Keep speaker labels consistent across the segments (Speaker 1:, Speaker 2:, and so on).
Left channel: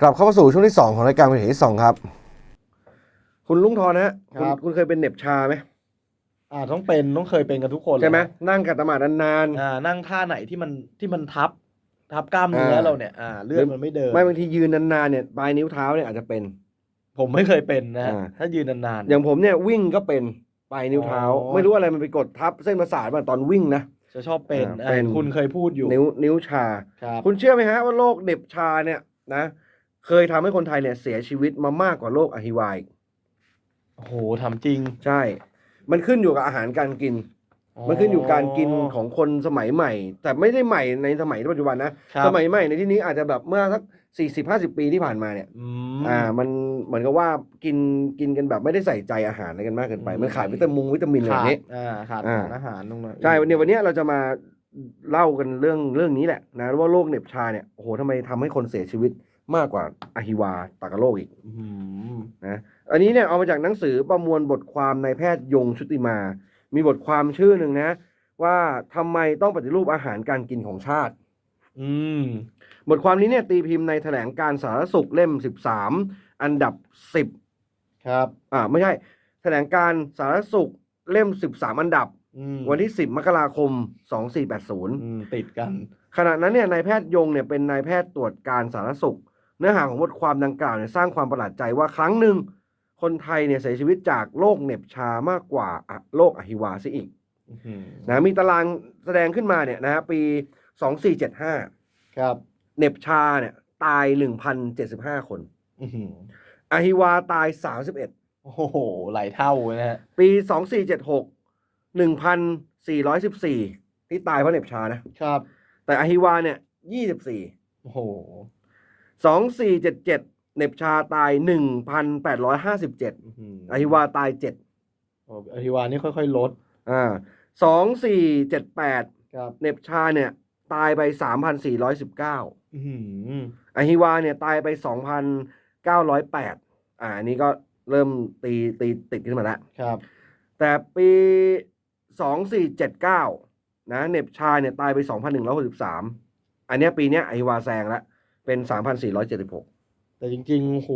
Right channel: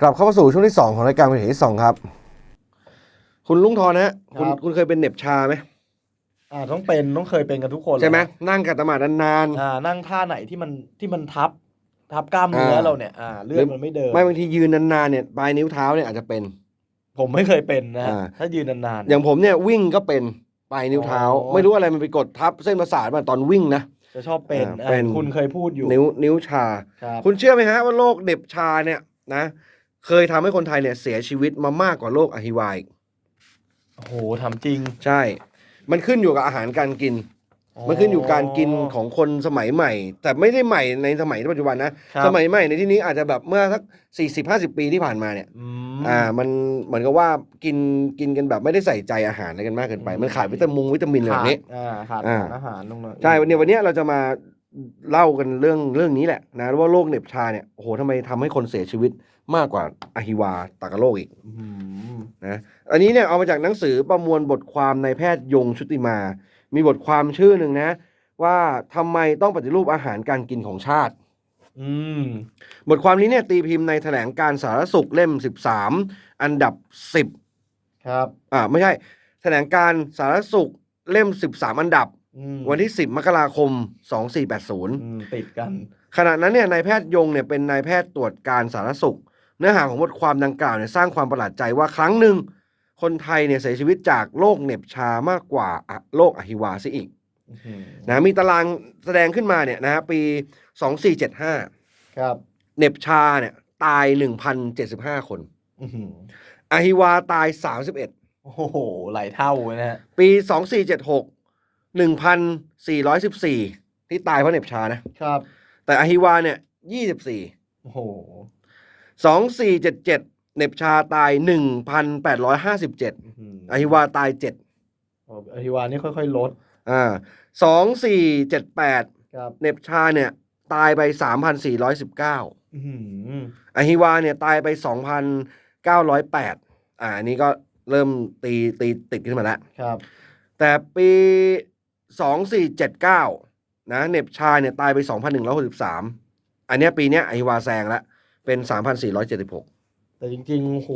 Speaker 1: กลับเข้ามาสู่ช่วงที่ 2 ของรายการเป็นที่สองครับ คุณลุงทอนฮะคุณ
Speaker 2: ครับ
Speaker 1: คุณเคยเป็นเหน็บชาไหม
Speaker 2: อ่าต้องเป็นต้องเคยเป็นกันทุกคน
Speaker 1: ใช่ไหม
Speaker 2: แหละ
Speaker 1: นั่งกัดตะหมาดนาน
Speaker 2: อ่านั่งท่าไหนที่มันที่มันทับ ทับกล้ามเนื้อ
Speaker 1: อ่า
Speaker 2: เราเนี่ยอ่าเลือดมันไม่เดิน
Speaker 1: ๆไม่บางทียืนนานๆเนี่ยปลายนิ้วเท้าเนี่ยอาจจะเป็น
Speaker 2: ผมไม่เคยเป็นนะ
Speaker 1: อ่า
Speaker 2: ถ้ายืนนานๆ
Speaker 1: อย่างผมเนี่ยวิ่งก็เป็นปลายนิ้วเท้า
Speaker 2: อ๋อ
Speaker 1: ไม่รู้อะไรมันไปกดทับเส้นประสาทมาตอนวิ่งนะ
Speaker 2: จะชอบเป็น
Speaker 1: อ่า
Speaker 2: อ่า
Speaker 1: เป็น
Speaker 2: คุณเคยพูดอยู่
Speaker 1: นิ้วนิ้วชา
Speaker 2: ครับ
Speaker 1: คุณเชื่อไหมฮะว่าโรคเหน็บชาเนี่ยนะ เคยทำให้คนไทยเนี่ยเสียชีวิตมามากกว่าโรคอหิวาอีก
Speaker 2: โอ้โหทำจริง
Speaker 1: ใช่ มันขึ้นอยู่กับอาหารการกิน มันขึ้นอยู่การกินของคนสมัยใหม่ แต่ไม่ได้ใหม่ในสมัยปัจจุบันนะ
Speaker 2: ครับ
Speaker 1: สมัยใหม่ในที่นี้อาจจะแบบเมื่อสักสี่สิบห้าสิบปีที่ผ่านมาเนี่ย
Speaker 2: อืม
Speaker 1: อ่า มันเหมือนกับว่ากินกินกันแบบไม่ได้ใส่ใจอาหารอะไรกันมากเกินไป
Speaker 2: อืม
Speaker 1: มันขาดวิตามินวิตามินอะไรแบ
Speaker 2: ขา
Speaker 1: บ
Speaker 2: ด
Speaker 1: นี้
Speaker 2: อ่าขาด
Speaker 1: อ่า
Speaker 2: สารอาหารตรงนั้น
Speaker 1: ใช่วันนี้วันนี้เราจะมาเล่ากันเรื่องเรื่องนี้แหละนะว่าโรคเหน็บชาเนี่ยโอ้โหทำไมทำให้คนเสียชีวิต มากกว่าอหิวาตากโรคอีก
Speaker 2: อืม
Speaker 1: นะอันนี้เนี่ยเอามาจากหนังสือประมวลบทความนายแพทย์ยงชุติมา มีบทความชื่อหนึ่งนะ ว่าทำไมต้องปฏิรูปอาหารการกินของชาติ
Speaker 2: อืม
Speaker 1: บทความนี้เนี่ยตีพิมพ์ในแถลงการสาธารณสุขเล่ม13อันดับ10
Speaker 2: ครับ
Speaker 1: อ่าไม่ใช่ แถลงการสาธารณสุขเล่ม13อันดับ
Speaker 2: อืม
Speaker 1: วันที่10มกราคม2480
Speaker 2: อืมติดกัน
Speaker 1: ขณะนั้นเนี่ยนายแพทย์ยงเนี่ยเป็นนายแพทย์ตรวจการสาธารณสุข เนื้อหาของบทความดังกล่าวเนี่ยสร้างความประหลาดใจว่าครั้งหนึ่งคนไทยเนี่ยเสียชีวิตจากโรคเหน็บชามากกว่าอะโรคอหิวาซะอีก
Speaker 2: อื้อหือ
Speaker 1: นะมีตารางแสดงขึ้นมาเนี่ยนะฮะปี2475
Speaker 2: ครับ
Speaker 1: เหน็บชาเนี่ยตาย1,075คน
Speaker 2: อื้อหือ
Speaker 1: อหิวาตาย31
Speaker 2: โอ้โห หลายเท่าเลยนะฮะ
Speaker 1: ปี2476 1,414ที่ตายเพราะเหน็บชานะ
Speaker 2: ครับ
Speaker 1: แต่อหิวาเนี่ย24
Speaker 2: โอ้โห
Speaker 1: 2477เหน็บชาตาย 1,857
Speaker 2: อื้อหือ
Speaker 1: อหิวาตาย7
Speaker 2: โอ้อหิวานี่ค่อยๆลด
Speaker 1: อ่า2478
Speaker 2: ครับ
Speaker 1: เหน็บชาเนี่ยตายไป 3,419
Speaker 2: อื้อหือ
Speaker 1: อหิวาเนี่ยตายไป 2,908อ่าอันนี้ก็เริ่มตีตีติดขึ้นมาแล้ว
Speaker 2: ครับ
Speaker 1: แต่ปี 2479 นะเหน็บชาเนี่ยตายไป 2,163 อันเนี้ยปีเนี้ยอหิวาแซงแล้ว เป็น 3,476
Speaker 2: แต่จริงๆโอ้โห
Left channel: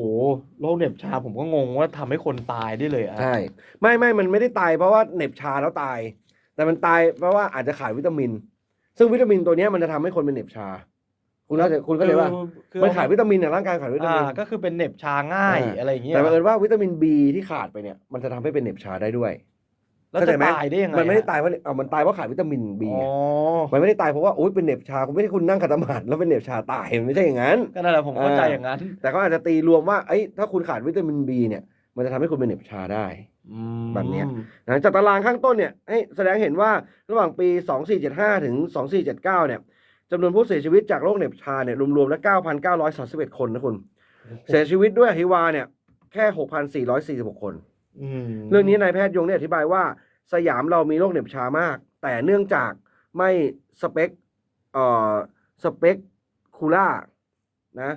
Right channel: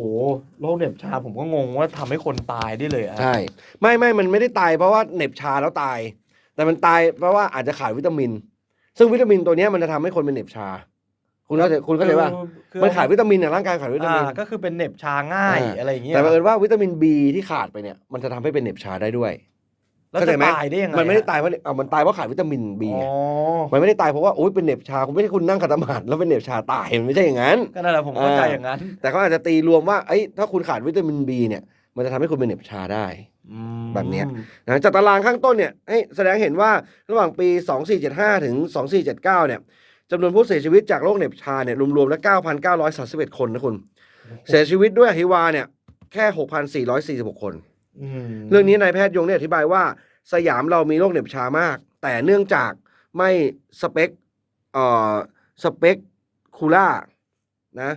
Speaker 2: โรคเหน็บชาผมก็งงว่าทำให้คนตายได้เลยอะ
Speaker 1: ใช่ ไม่ไม่มันไม่ได้ตายเพราะว่าเหน็บชาแล้วตาย แต่มันตายเพราะว่าอาจจะขาดวิตามิน ซึ่งวิตามินตัวเนี้ยมันจะทำให้คนเป็นเหน็บชา คุณเข้าใจคุณเข้าใจว่า
Speaker 2: คือ
Speaker 1: มันขาดวิตามินเนี่ยร่างกายขาดวิตามิน
Speaker 2: อ่าก็คือเป็นเหน็บชาง่าย
Speaker 1: อ่า
Speaker 2: อะไรอย่างเงี้ย
Speaker 1: แต่บังเอิญว่าวิตามิน B ที่ขาดไปเนี่ยมันจะทำให้เป็นเหน็บชาได้ด้วย
Speaker 2: แล้ว
Speaker 1: เข้าใจ
Speaker 2: จะ
Speaker 1: ไหม
Speaker 2: ตายได้ยังไง
Speaker 1: มันไม่ได้
Speaker 2: อะ
Speaker 1: ตายเพราะเอ่อมันตายเพราะขาดวิตามิน B
Speaker 2: อ๋อ
Speaker 1: มันไม่ได้ตายเพราะว่าโอ๊ยเป็นเหน็บชาคุณไม่ใช่คุณนั่งขัดสมาธิแล้วเป็นเหน็บชาตายมันไม่ใช่อย่างนั้น
Speaker 2: ก็นั่นแหละผมเข้าใจ
Speaker 1: อ่า
Speaker 2: อย่างนั้น
Speaker 1: แต่ก็อาจจะตีรวมว่าเอ้ยถ้าคุณขาดวิตามิน B เนี่ย มันจะทำให้คุณเป็นเหน็บชาได้
Speaker 2: อืม
Speaker 1: แบบเนี้ยนะจากตารางข้างต้นเนี่ยให้แสดงให้เห็นว่าระหว่างปี 2475 ถึง 2479 เนี่ยจำนวนผู้เสียชีวิตจากโรคเหน็บชาเนี่ยรวมๆแล้ว 9,931 คนนะคุณ เสียชีวิตด้วยอหิวาเนี่ยแค่ 6,446 คน
Speaker 2: อืม
Speaker 1: เรื่องนี้นายแพทย์ยงเนี่ยอธิบายว่า สยามเรามีโรคเหน็บชามาก แต่เนื่องจากไม่สเปคเอ่อสเปคคูล่านะ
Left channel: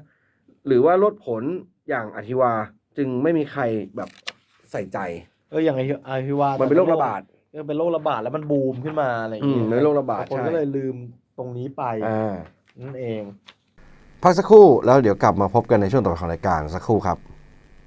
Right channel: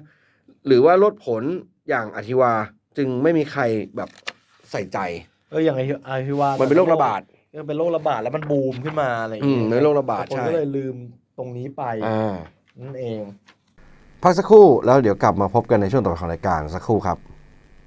Speaker 1: หรือว่าลดผลอย่างอธิวาจึงไม่มีใครแบบใส่ใจ
Speaker 2: เอออย่างไอไอฮิวา
Speaker 1: มันเป็นโรคระบาด
Speaker 2: ยังเป็นโรคระบาดแล้วมันบูมขึ้นมาอะไรอย่าง
Speaker 1: อื
Speaker 2: เงี้
Speaker 1: ม
Speaker 2: ย
Speaker 1: เป็นโรคระบาด
Speaker 2: แต่คน
Speaker 1: ใช่
Speaker 2: ก็เลยลืมตรงนี้ไป
Speaker 1: อ่า
Speaker 2: นั่นเอง
Speaker 1: พักสักครู่แล้วเดี๋ยวกลับมาพบกันในช่วงต่อไปของรายการสักครู่ครับ